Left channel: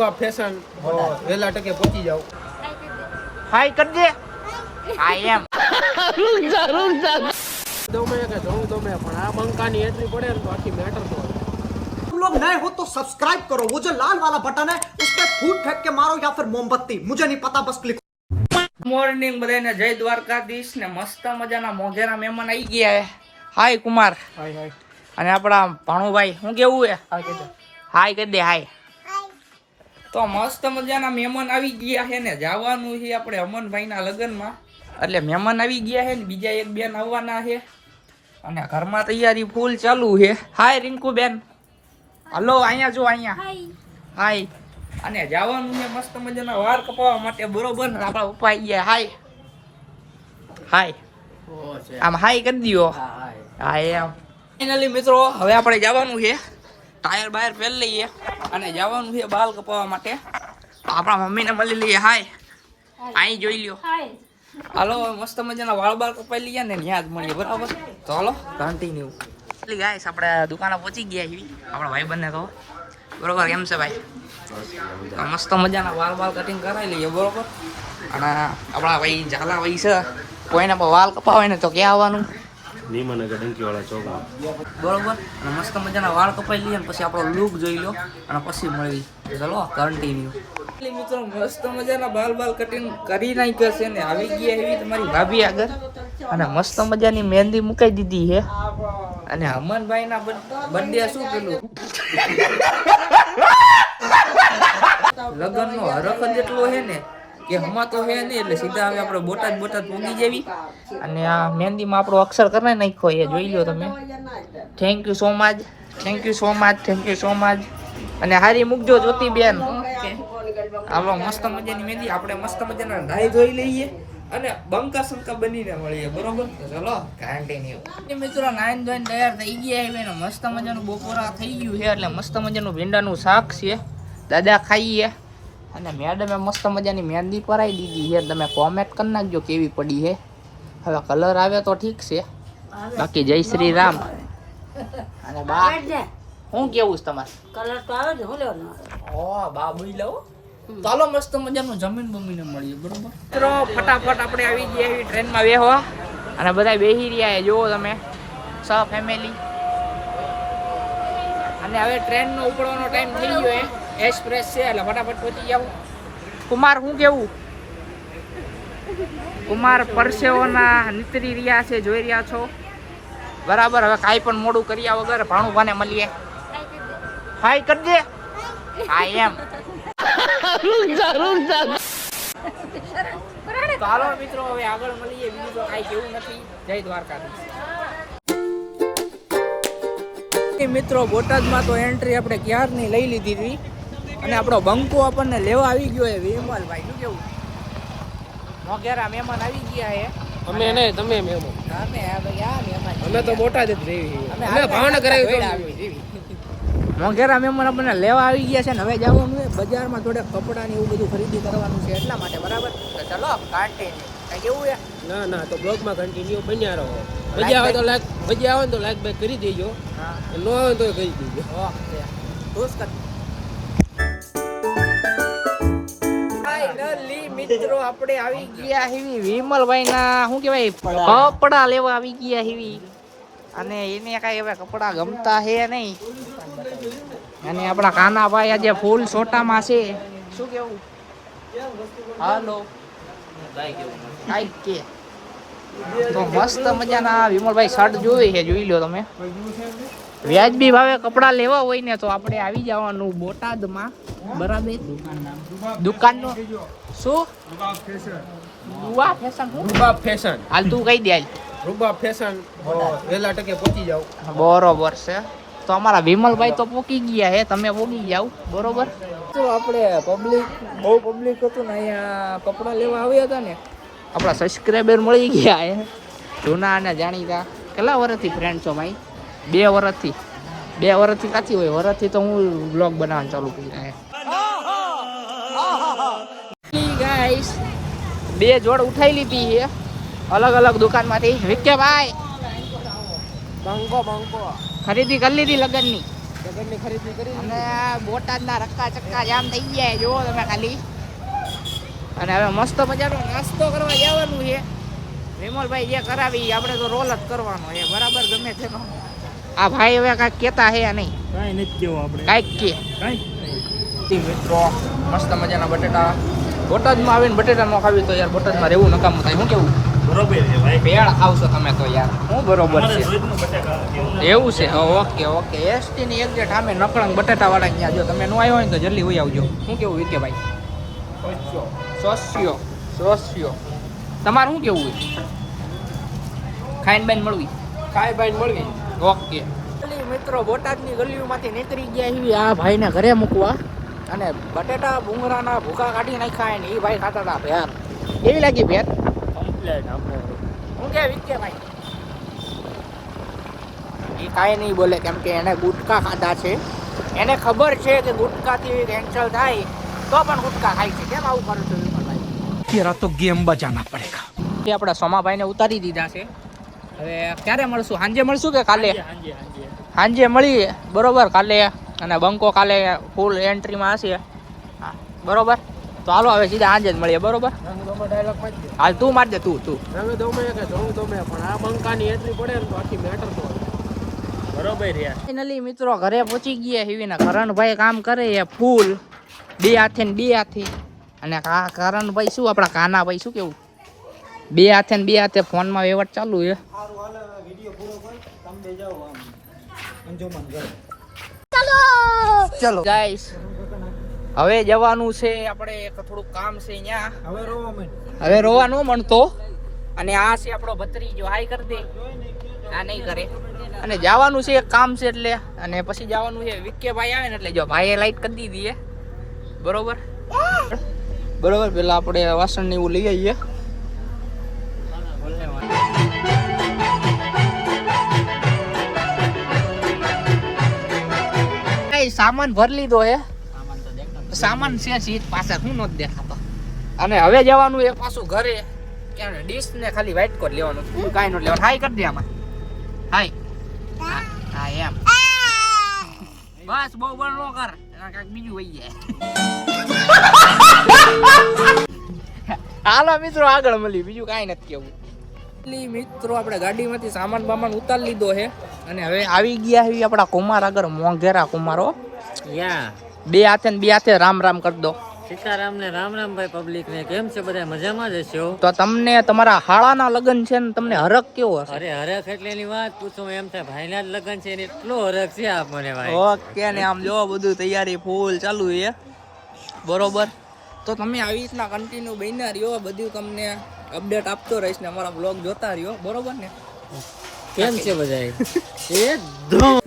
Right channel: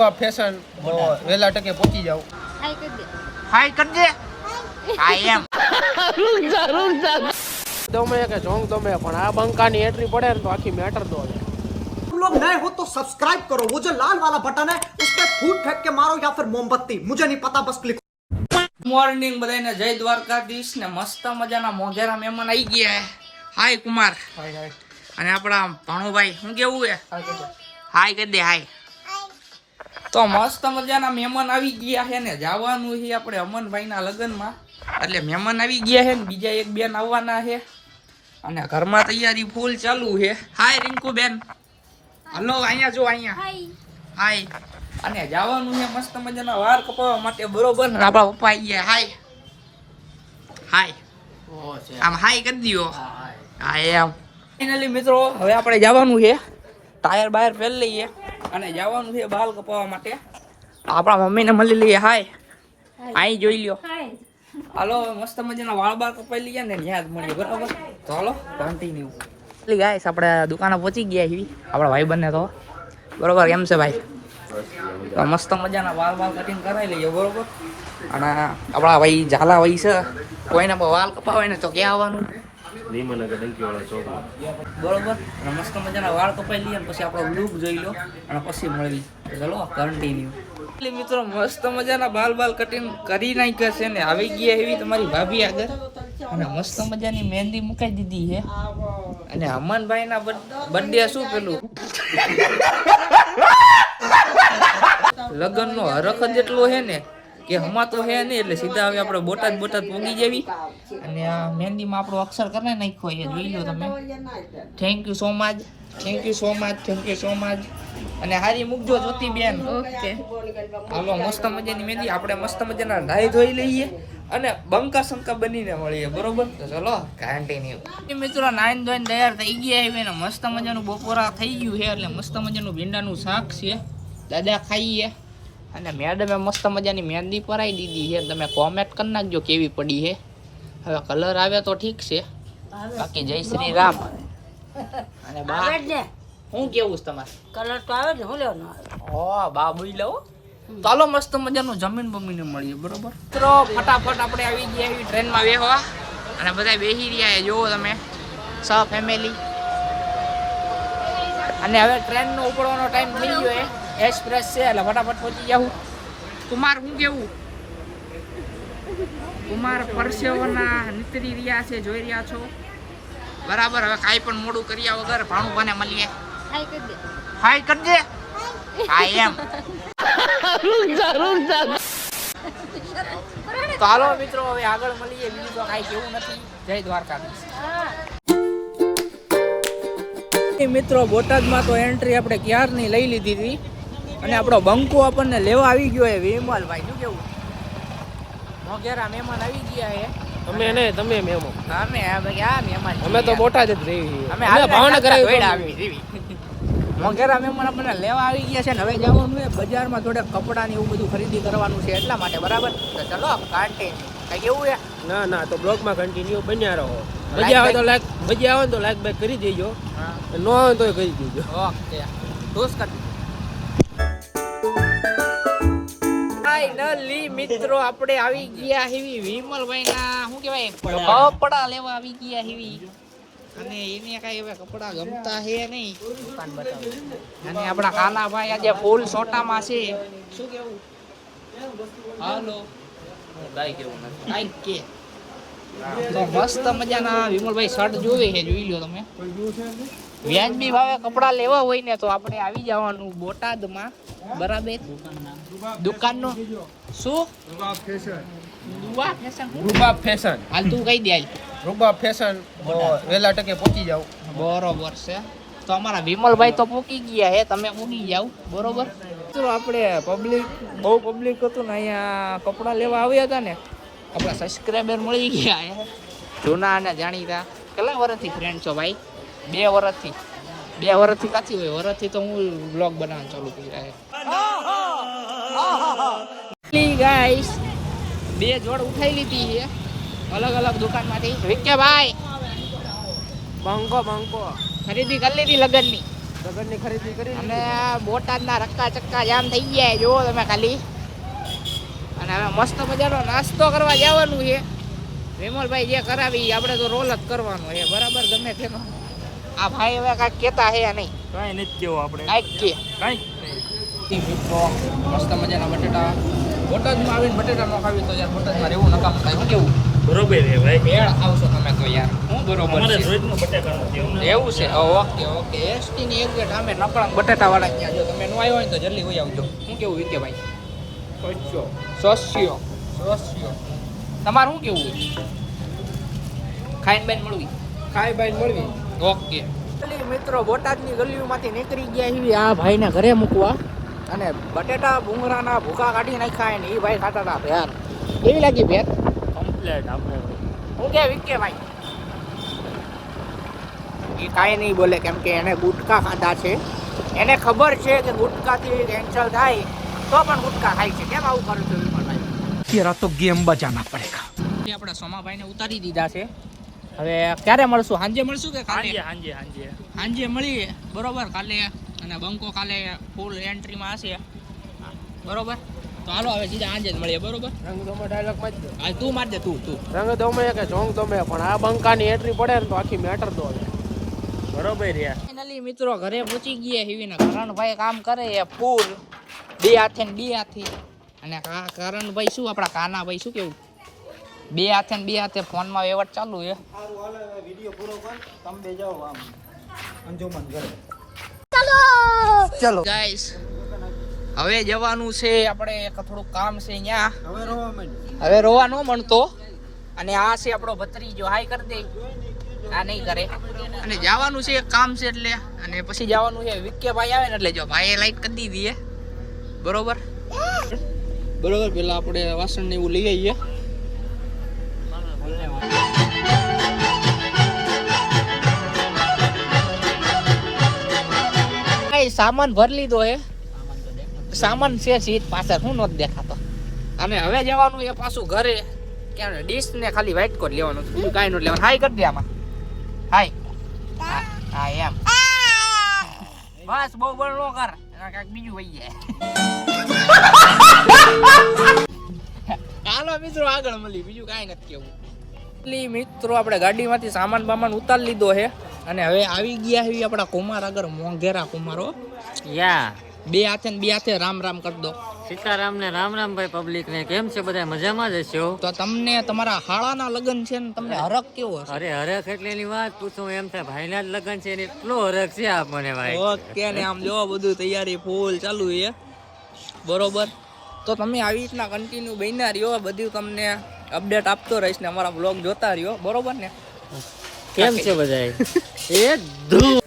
રૂબા fashion વેલા ટકે પહોંચી જાવ. હાય કરજે. આઈ એમ દમે કે જોંગ દમે પણ આ બંકાની એન્ટ્રી પડે ને તો આખી મેટર તો આવે. तुम लोग नए हो तो सब्सक्राइब करो, वो जो लाल वाला बटन है उस पर फूट फेंक के मारो या फिर मोमबत्ती, मुझे नहीं पता, बस क्लिक. મોર્નિંગ બધાને જય દ્વારકાધીશ ને મસ્ત મજાના મોઘેરા મહેમાન આવી ગયા હે. હાય કુમાર. હાય હાય અને આપણા ભાણુભાઈ શું કેવું હે? હાય કહી દે. હાય. તો મસ્ત મજાના મહેમાન આવી ગયા છે ને જવાનું છે આપણે અમનભાઈના લગ્નમાં. એટલે મહેમાન આવી ગયા છે ને બીજા એક બેન આવવાના છે અને ઘરમાં તૈયારી ફૂલ ચાલુ છે. હાય રિંકુ બેન. હલો અહીંયા જો અહીંયા. હાય. અને જવાનું છે મસ્ત મજાના વાળ કપાવવા માટે બરોબર ને આપણા પપ્પા આવી ગયા. હાય હાય આમ હાય કરી દો. હા એમ ફાઇનલી મિત્રો હવે આપણે જવાનું છે ટાયર બાયર પહેરી લઈએ અને જવાનું છે બાલ કપાવવા માટે. આપણા મમ્મીને મળી લઈએ. હાય અહીં જોઈ લ્યો. હાલો મસ્ત મજાના વાળ બાળ કપાઈ લઈએ ને ત્યાં જ મળીએ બરાબર. તો હાલો કન્ટિન્યુ. એટલે ગાઈસ આપણે દુકાને પહોંચી ગયા છીએ આપણા ભાઈ બંને. તો બરોબર કેમ છે ભાઈ? તો મસ્ત મજાના વાળ બાલ કટિંગ કરાવી લઈએ બરોબર. અને આપણા ભાઈ ઝાલા ભાઈ છે કોઈને પણ વાળ કપાવે ને તો ક્યાં આવવાનું? બરોબર. અને મસ્ત મજાના વાળ કપાઈ લઈએ પછી આપણો લુક જોઈ લો અને પછી મળવી. ચલો કન્ટિન્યુ. મિત્રો મસ્ત મજાના બાલ બાલ કટિંગ કરી નાખ્યા છે ને આવી ગયા એવી તમારી ભાભી આગળ અને મસ્ત મજાની મહેંદી મુકાઈ દીધી છે. અને અમનભાઈના બર્થડે શું પેલું લગ્નનો હરખ જ એટલો છે ને કે હમાતો હે ને એટલે સીધા હવે આપણે બોટાદ પોગી જેવી. અને આ મહેંદીમાં આપણો અક્ષર કરી નાખ્યો એ જોઈ લો તમે. Thank you so much. Thank you so much. Thank you so much. અને હારી મૂકજો જ્યોતિ બેન. ઓકે હાલો મસ્ત મજાની મહેંદી આપણે મસ્ત મજાના નાઈ ધોઈ લઈએ અને બંકા સંકા બનીને મળીએ બરોબર. તો ચલો કન્ટિન્યુ. મિત્રો નાઈન ધોઈને તૈયાર થઈ ગયા હવે ને મસ્ત મજાનું બપોરા થઈ ગયું છે એટલે મસ્ત મજાનું ભીંડાનું શાક છે દાદા ખાઈએ. અને મેડમે મસ્ત મજાની મહેંદી પરાઈ દીધી છે. તમે કોમેન્ટ કરી નાખજો કેવી પડી છે. હવે કલર આવે તો ઠીક છે બાકી જય શ્રી રામ. અને બા હું કેવું છે તમારે? કલર તો આવે ને હું લેવાનો આવે. ઓ બા બોઈ લઉં. ચાલો મસ્ત મજાનું જમીન બમીને મળીએ બરોબર. મિત્રો ફટાફટ આપણે આવી ગયા એવી ટ્રેનમાં બેહવા અને બધા બેસી રહ્યા જુઓ તમે સ ફેમિલી. અને હવે ટ્રેનનો ઉપડવાનો ટાઈમ થઈ ગયો એ એક્સપ્રેસ છે એટલે ફટાફટ પહોંચી જાઉં. કુમાર શું કેવું? કુમાર પરસેવોના નીતરી રહ્યા છે જોઈ રહ્યા છો બરાબર. હવે કાંઈ પણ મોડું કર્યા વગર ભાણુભાને મળીએ. હાય કરજે. હા એમ તો હાલો મિત્રો હવે આગળ મળીએ. બીજું તો કાંઈ કેવું નથી. જય દ્વારકાધીશ. મિત્રો બોટાદમાં તો એન્ટ્રી આપણે ક્યારની લઈ લીધી હતી અને આપણો બંકો આપણને લેવા આવી ગયો છે વિમલભાઈ. શું કેવું? મોઘેરા મહેમાન આવી ગયા છે. અમે નહીં તમે મહેમાન. અમે ક્યાં મહેમાન? અમે તો બોટાદ જ રહી. અમે ભાવનગર આવી મોઘેરા મહેમાન આપણને લેવા આવી ગયા છે ને હવે જવાનું છે બજારમાં થોડે કપડાની એવું બધું ખરીદી કરવાનું છે એટલા માટે બરાબર. તો ચલો કન્ટિન્યુ. કઈ કેવું છે? ના ના તો બ્લોગમાં કન્ટિન્યુ બન્યા રહો. મજા આવે તો લાઈક બાઈક કરી દેજો. હા ન આવે તો કરી દેજો. ઓકે દોસ્ત કરી. ફાઇનલી મિત્રો આપણે આવી ગયા હેવી વિમલભાઈના શું કહેવાય કપડા લેવા આવી ગયા હેવી. અને એને કાંઈ હવે કપડા ગમતા છે નહીં. અને આપણા કાનાભાઈ આજે ફૂલ સોટામાં છે. શું કેવું? હાલો કાંઈ કેવું કાંઈ કે તો મસ્ત મજાના વિમલભાઈ શર્ટ જોઈ છે જોઈ લો તમે. વ્યાજબી ભાવે કપડા લેવા હોય ને તો આપણે આવી જવાનું બોટાદમાં બરાબર. દુકાનનું શું? રૂબા ફેશન. રૂબા ફેશન. હાલ તું કહી દે. હાલ રૂબા ફેશન વેલા ટકે પહોંચી જાવ. બરોબર છે. તો અમારા વિમલભાઈ તો પોકી ગયા છે તમે પોગી જાવ બરોબર. તો આપણે બહુ પબ્લિક હતું ને અહીંયા કપડાં લેવા આવ્યા હતા ને આપણા સબસ્ક્રાઈબર મળી ગયા છે જૂના અને જાણીતા. કેટલા વર્ષથી ફ્રેન્ડ છો ભાઈ? 2 વર્ષથી. 2 વર્ષથી કાથી હોય? વર્ષથી તો હું બ્લોગ બનાવવાનું ચાલુ કરી રહ્યા. ગાઈસ 2 જોડ ઉઠાઈ લીધી છે અલગ અલગ દુકાનમાંથી. કે ભાઈ બંકો ખરીદી કરી લીધી લગનની? લગ્નની ખરીદી કરી અને આ બોટાદના રક્કા ચક્કા જામ થઈ ગયા જુઓ તમે ખાલી. અને હવે મસ્ત મજાનો નાસ્તો કરવા જવાનું છે. વિમલભાઈ જે કરાવી આપણે તો રોલ જ કરવાનો છે બરાબર ગમે તેનો. આ ભાઈ હવે કાંઈક કહેતા છે નહીં, કાંઈ નથી કેવું આપણે કાંઈક કે મિત્રો મસ્ત મજાના બટેટા. બોટાદમાં આવીને બટેટા ન ખાવી તો યાર બોટાદમાં રહેવું નિકામ થાય. શું કેવું? બરોબર છે ભાઈ. ભેળ ખાવશો તમે તો યાર હું બરોબર છે રોજનું બટેકા એવું છે. ઓકે ઓકે એસટી ની એક્ઝેક્ટ સામે નકળનું બટેટા બનાવી ત્યાં જો તમે ન આવ્યો હોય ને તો જલ્દી હોઈ આવજો. શું કેવું વિકે ભાઈ? સોસ્યો તમારે શું કેવું હોય? ખાઈને બાઈને મળવી? કાંઈ બાઈ મળવી. ઓકે મિત્રો બોટાદની ગલીઓમાંથી નીકળી ગયા એવી આ ભાઈને ઘરે મૂકવા. અને બટેટા ભૂંગળાના ભૂકા કાઢી નાખ્યા ને એ ભાઈ ખાતા હતા ભેર. કેવી લાગી ભેર? કમ્પ્લેટ આપણે હું કે વિકે ભાઈ? એ કાંઈ નહીં બોલે કેમ કે એને ગુટકા ખાધા છે. એને ખબર છે કે ગુટકાથી કેન્સર થાય તો પણ ગુટકા ખાય છે. કેમ આવું કરું છું વિમલભાઈ? तेरा तो गेम बजाना पड़ेगा. એ આપણા સોમાભાઈને ઉતારી દીધા છે. હવે ક્યારે મળશું? સાંજે મળશું કે કાલે? સાંજે મળીએ બરોબર કાલે. અને બંકો કાલે ફૂલ એન્ટ્રીમાં હશે બરોબર. તો હાલો હવે સીધા સાંજે જ મળીએ બરોબર. રંગ દોમે ડાયલોગ માં જ હાલ તું માર દે તું રંગ દોમે કે જોંગ દોમે પણ આ બંકાની એન્ટ્રી પડે ને તો આખી મેટર તો હવે બરોબર રહ્યા. ફાઇનલી મિત્રો ઘરે પહોંચી ગયા હિવીના. કરણભાઈ કામ કરે છે ફૂલ બે હાથે ને બે હાથે. અને આ કરણભાઈ શું આપણા કાનાભાઈ શું કેવું? બે હાથે ને બે હાથે ફોનમાં વ્યવહાર ચાલુ છે. ચલો ગાઈસ હવે જવાનું છે આપણે. એક થોડુંક કામ છે અહીંયા. હવે રોવા ન મળતો. અને આ છે આપણો ભત્રીજો. હાય કરી દે. આ નહીં કરે. અને જવાનું છે એક કામ છે એટલે. અને પછી જવાનું છે વિકે ભાઈ આવે ને એટલે જો ભાઈએ લાઈટ કરી દીધી બરોબર બરોબર. પેલા આપણે વાસણ ને એવું લઈ આવીએ. સામાન ભરી લીધો હે. સામાન છે સીટ પાસે શું નથી દેખાતો. અને હવે જવાનું એ પાછું ઘરે. ક્યાં ડીશ ને ખાલી વ્હાઈટ કોટ લેવાનું બીજું કાંઈ નથી લેવાનું. હાય કરી દે આમાં. હાય હા એમ બસ બહુ બળ નો કર. કાંઈક બીજું વહી જાય. હાલો મિત્રો આગળ મળી. બીજું કાંઈ નથી કેવું. મિત્રો આપણે ગાડીમાંથી સામાન બામાન ઉતારી લીધો છે. અને હવે આવી ગયા છે આપણા કુમાર આગળ. મોંઘેરા કુમારો યા બે હાથે ને બે હાથે રામ રામ કરી દો. સીતારામ ને રામ રામ ભાઈ પબ્લિક ને કેમ છે બધા મજામાં જ હશો? તો તમને તમારા હાળાના લગ્ન છે ને તમને હરખ કેવો હશે? અરે હરખ એટલે એની વાત પૂછો એમ થાય ભાઈના જ લગ્ન છે ને એટલો હરખ છે આપણને ભાઈ. ઓકે ને આમ જો બધું તૈયારી ફૂલ ચાલુ છે બરોબર. તો તમે આવી રીતના કન્ટિન્યુ બન્યા રહ્યો. બધું તમને અપડેટ આપતો રહીશ ને અમારા બ્લોગ જોતા રહ્યો બરોબર ને. કેમ છે બધા? એકદમ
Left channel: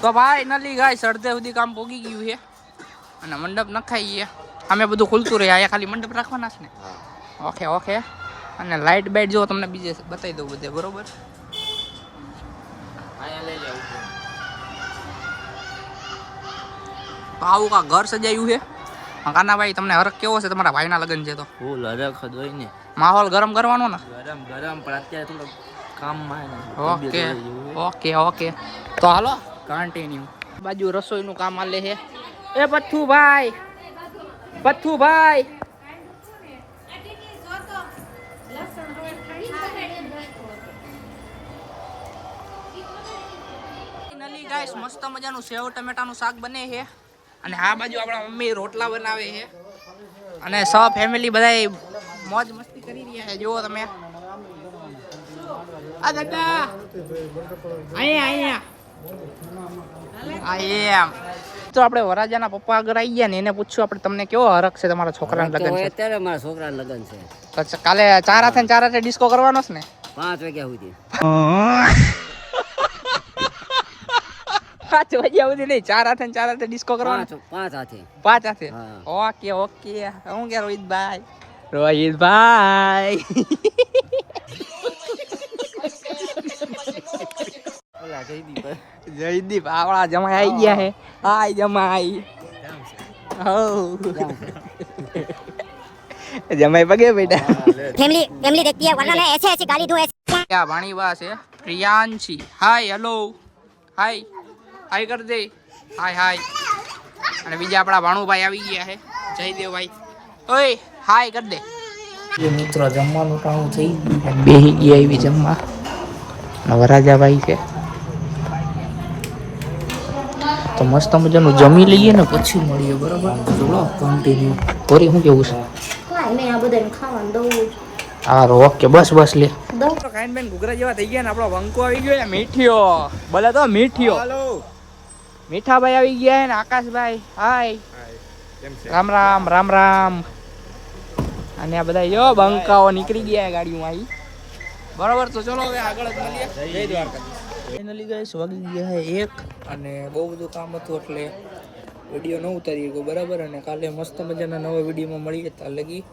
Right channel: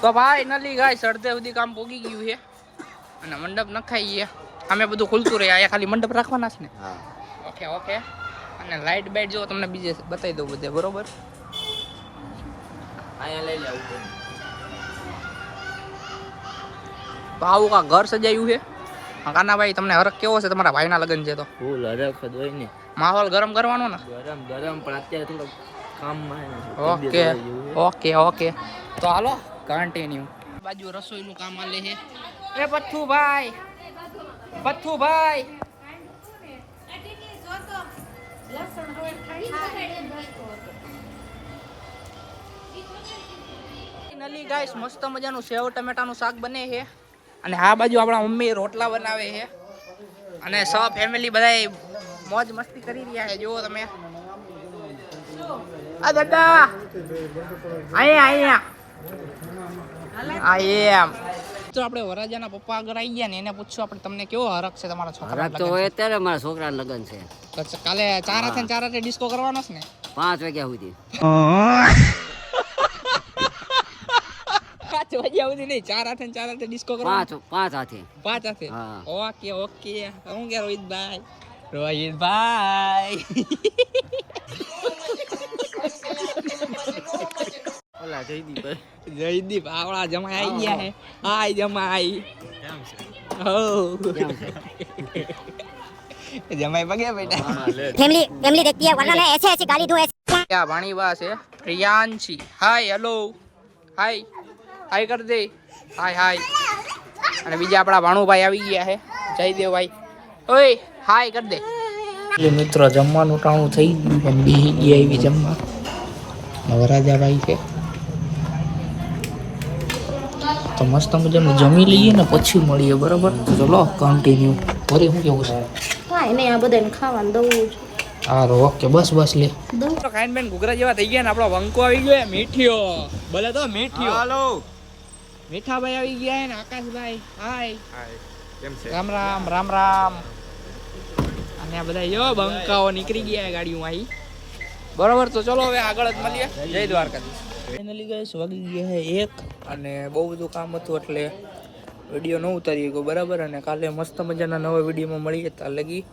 તો ભાઈ નલી ગાય અડધે સુધી કામ પોગી ગયું છે. અને મંડપ નખાઈ ગયા. અમે બધું ખુલતું રહે. અહીંયા ખાલી મંડપ રાખવાના છે ને. Okay okay. અને લાઇટ બાઇટ જો તમને બીજે બતાવી દઉં બધે બરોબર. અહીંયા લઈ જાવ તો આવું કા ઘર સજાયું છે. કાનાભાઈ તમને હરખ કેવો છે? તમારા ભાઈના લગ્ન છે તો ફૂલ હરખ જ હોય ને. માહોલ ગરમ કરવાનો ને. ગરમ ગરમ પણ અત્યારે થોડો કામમાં ઓકે ઓકે ઓકે. તો હાલો કન્ટિન્યુ. બાજુ રસોઈનું કામ આલે છે. એ પથ્થુભાઈ પથ્થુભાઈ નલી ગાઈસ મસ્ત મજાનું સેવ ટમેટાનું શાક બને છે. અને આ બાજુ આપણા મમ્મી રોટલા બનાવે છે. અને સૌ ફેમિલી બધા મોજ મસ્તી કરી રહ્યા છે. જુઓ તમે. આ દાદા અહીંયા એમ તો આપણે વરાજાના પપ્પા આગળ આવી ગયા ને એને પૂછ્યું આપણે તમને કેવો હરખ છે તમારા છોકરાના લગ્ન છે? અત્યારે મારા છોકરાના લગ્ન છે. તો કાલે 4 હાથે ડિસ્કો કરવાનો છે ને 5 વાગ્યા સુધી. 5 વાગ્યા સુધી નહીં. 4 હાથે ડિસ્કો કરવાનો. 5 હાથે. 5 હાથે. Okay okay. હું કે રોહિતભાઈ ઓલા જયદીપ આવડા જમાઈ આવી ગયા હે. હાય જમાઈ. જમાઈ પગે બેટા फैमिली देखती है वरना मैं ऐसे ऐसे गाली दूं ऐसे ક્યાં ભાણી બા છે પ્રિયાંશી હાય હેલો હાય હાય કર દે હાય હાય અને બીજા આપણા ભાણુભાઈ આવી ગયા છે જયદેવભાઈ ઓય હાય કર દે જે મિત્રો જમવાનું ટાણું થઈ ગયું છે બેહી ગયા એવી જમવા વરાજાભાઈ છે તો મસ્ત મજાનું જમી લઈએ ને પછી મળીએ બરોબર ચલો કન્ટિન્યુ તોરી શું કેવું છે કાંઈ નહીં આ બધાને ખાવાનું દઉં જ હા ઓકે બસ બસ લે દઉં ખાઈને બેન ઘૂઘરા જેવા થઈ ગયા ને આપણો વંકો આવી ગયો મીઠિયો બોલે તો મીઠિયો હાલો મીઠાભાઈ આવી ગયા ને આકાશભાઈ હાય રામ રામ રામ રામ અને આ બધા જો બંકાઓ નીકળી ગયા ગાડીમાં આવી બરાબર તો ચલો હવે આગળ જ મળીએ જય દ્વારકાધીશ ફાઇનલી ગાઈસ વાગી ગયા છે 1 અને બહુ બધું કામ હતું એટલે વિડીયો ન ઉતારી ગયો બરાબર અને કાલે મસ્ત મજાના નવા વિડીયોમાં મળીએ ત્યાં લગી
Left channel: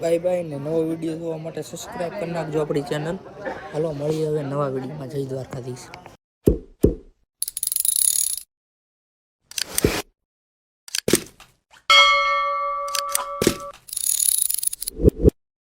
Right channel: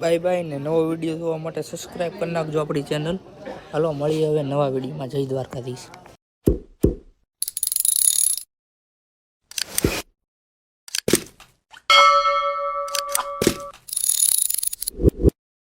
બાય બાય ને નવો વિડીયો જોવા માટે સબસ્ક્રાઈબ કરી નાખજો આપણી ચેનલ હાલો મળીએ હવે નવા વિડીયોમાં જય દ્વારકાધીશ